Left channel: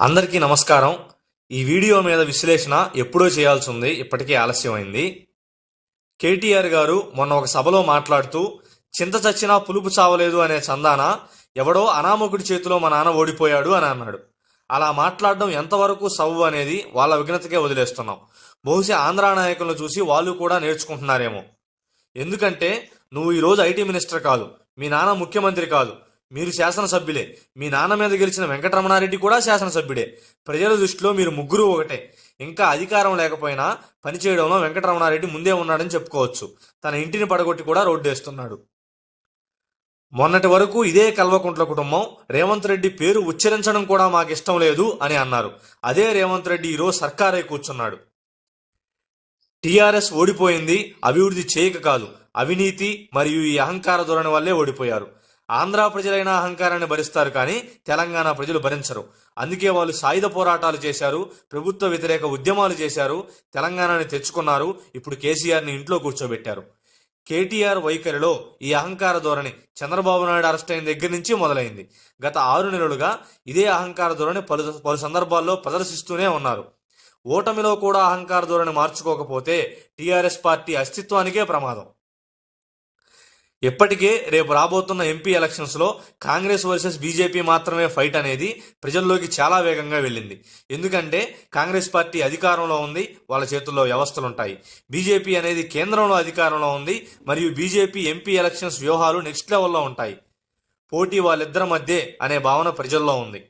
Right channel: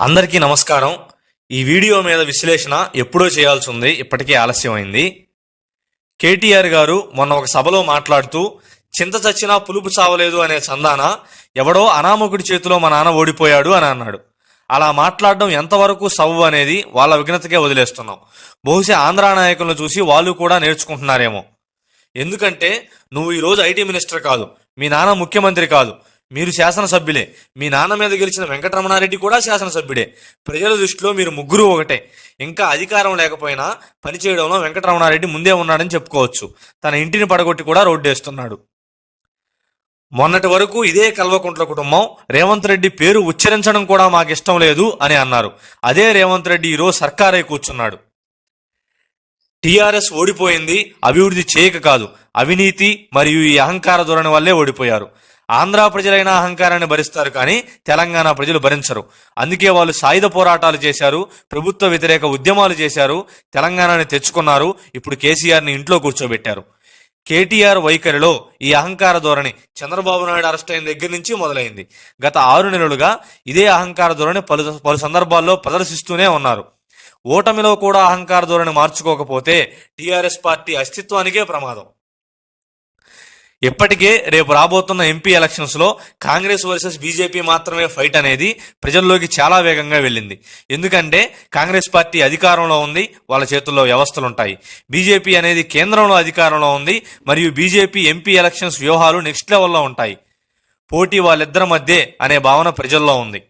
అందరికీ నమస్కారం. ఈ వీడియో మీద విశ్లేషణ ఎప్పుడో చేయాల్సి ఉంది ఇప్పటికే ఆలస్యమైంది. కేటీఆర్ గారు మొన్న ఒక సభలో మాట్లాడుతూ చింత చచ్చినా పులుపు చావలేదు అనే చందాన ఎవడో అనామకుడి చేతిలో మా నాన్న ఓడిపోయాడు అని అన్నాడు. అలా మాట్లాడడం ఎంతవరకు సవ్వు అనేది వాళ్ళ విఘ్నతకే వదిలేస్తున్నాం. బహుశా ఆంధ్ర నాయకులను చూసి వాళ్ళు కూడా నేర్చుకుంటున్నారేమో. ఎందుకంటే నువ్వు ఈరోజు ఐటీ మినిస్టర్ కాదు మీ నాన్న ముఖ్యమంత్రి కాదు మీరు శాసనసభ్యులే. మీ నాన్న మీద గెలిచిన వెంకటరమణారెడ్డి కూడా శాసనసభ్యుడే. ప్రజల దృష్టిలో మీరు ముగ్గురు ఒకటే. ఇంకా అధికారం లేకపోయినా పనిచేయడంలో వెంకటరమణారెడ్డి ముందే ఉన్నాడని చెప్పుకోవచ్చు. తన ఇంటిని పడగొట్టి కూడా రోడ్డేస్తున్నాడు. మొన్నటి వరకు ఇదే కల్వకుంట్ల కుటుంబం రేవంత్ రెడ్డి పేరు ఉచ్చరించడం కూడా మాకు ఇష్టం లేదు అని అన్నారు. అదే రేవంత్ రెడ్డి ఈరోజు సర్కారై కూర్చున్నాడు. టీఆర్ఎస్ ఓడిపోయింది అభివృద్ధి చేయక కాదు. అవినీతి మరియు ఈ అహంకార ధోరణి వల్లే ఓడిపోయారు. ఆంధ్ర ప్రజలైన అహంకారాన్ని భరిస్తారు కానీ తెలంగాణ ప్రజలు భరించరు. అందుకే వాళ్ళు సాయుధ పోరాటాలు చేశారు ప్రభుత్వ వ్యతిరేక ఉద్యమాలు చేశారు తెలంగాణని తెచ్చుకున్నారు ఇప్పుడు కేసీఆర్ని ఇంట్లో కూర్చోబెట్టారు. కేటీఆర్ వైఖరిలో ఈ అహంకార ధోరణి చంద్రబాబు నాయుడు అరెస్ట్ అయిన దగ్గర నుంచి మొదలైంది. గత ఆరు నెలలుగా ఇదే అహంకార ధోరణి పలు పలు సందర్భాల్లో ప్రదర్శిస్తూనే ఉన్నారు. ఓటమిలో కూడా అహంకార ధోరణి మార్చుకోకపోతే టీఆర్ఎస్ పార్టీ అస్తిత్వానికే ప్రమాదం. ఇప్పటికే రేపు రాబోతున్న ఎంపీ ఎలక్షన్స్లో కాంగ్రెస్ వర్సెస్ బీజేపీ మాత్రమే ఫైట్ అనేది ప్రజల్లోకి చాలా వేగంగా వెళ్ళింది. ఎందుకంటే కాంగ్రెస్ పార్టీ అధికారంలో ఉంది వాళ్ళ చేతుల్లో వ్యవస్థలు ఉంటాయి బీజేపీ అనేది కేంద్రంలో అధికారంలో ఉంది మరియు బీజేపీ ఎంపీ ఎలక్షన్స్ వ్యూహాలు నెక్స్ట్ లెవెల్లో ఉంటాయి. పోటీ వాళ్ళిద్దరి మధ్య అనే భావన ప్రజల్లో ఉంది.